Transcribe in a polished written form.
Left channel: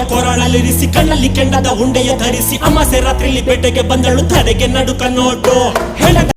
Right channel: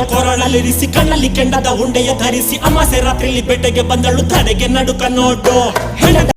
ತಾಯಿಯ ಕೊರಳಲ್ಲಿರಿಸಿ ಕಣ್ಣಲ್ಲಿ ಕೆಂಡದ ಉಂಡೆಯ ಧರಿಸಿ ಅಮಾಸೆ ರಾತ್ರಿಯಲ್ಲಿ ಬೇಟೆಗೆ ಬಂದಳು ತಡೆಗೆ ನಡುಕ ನೋಡು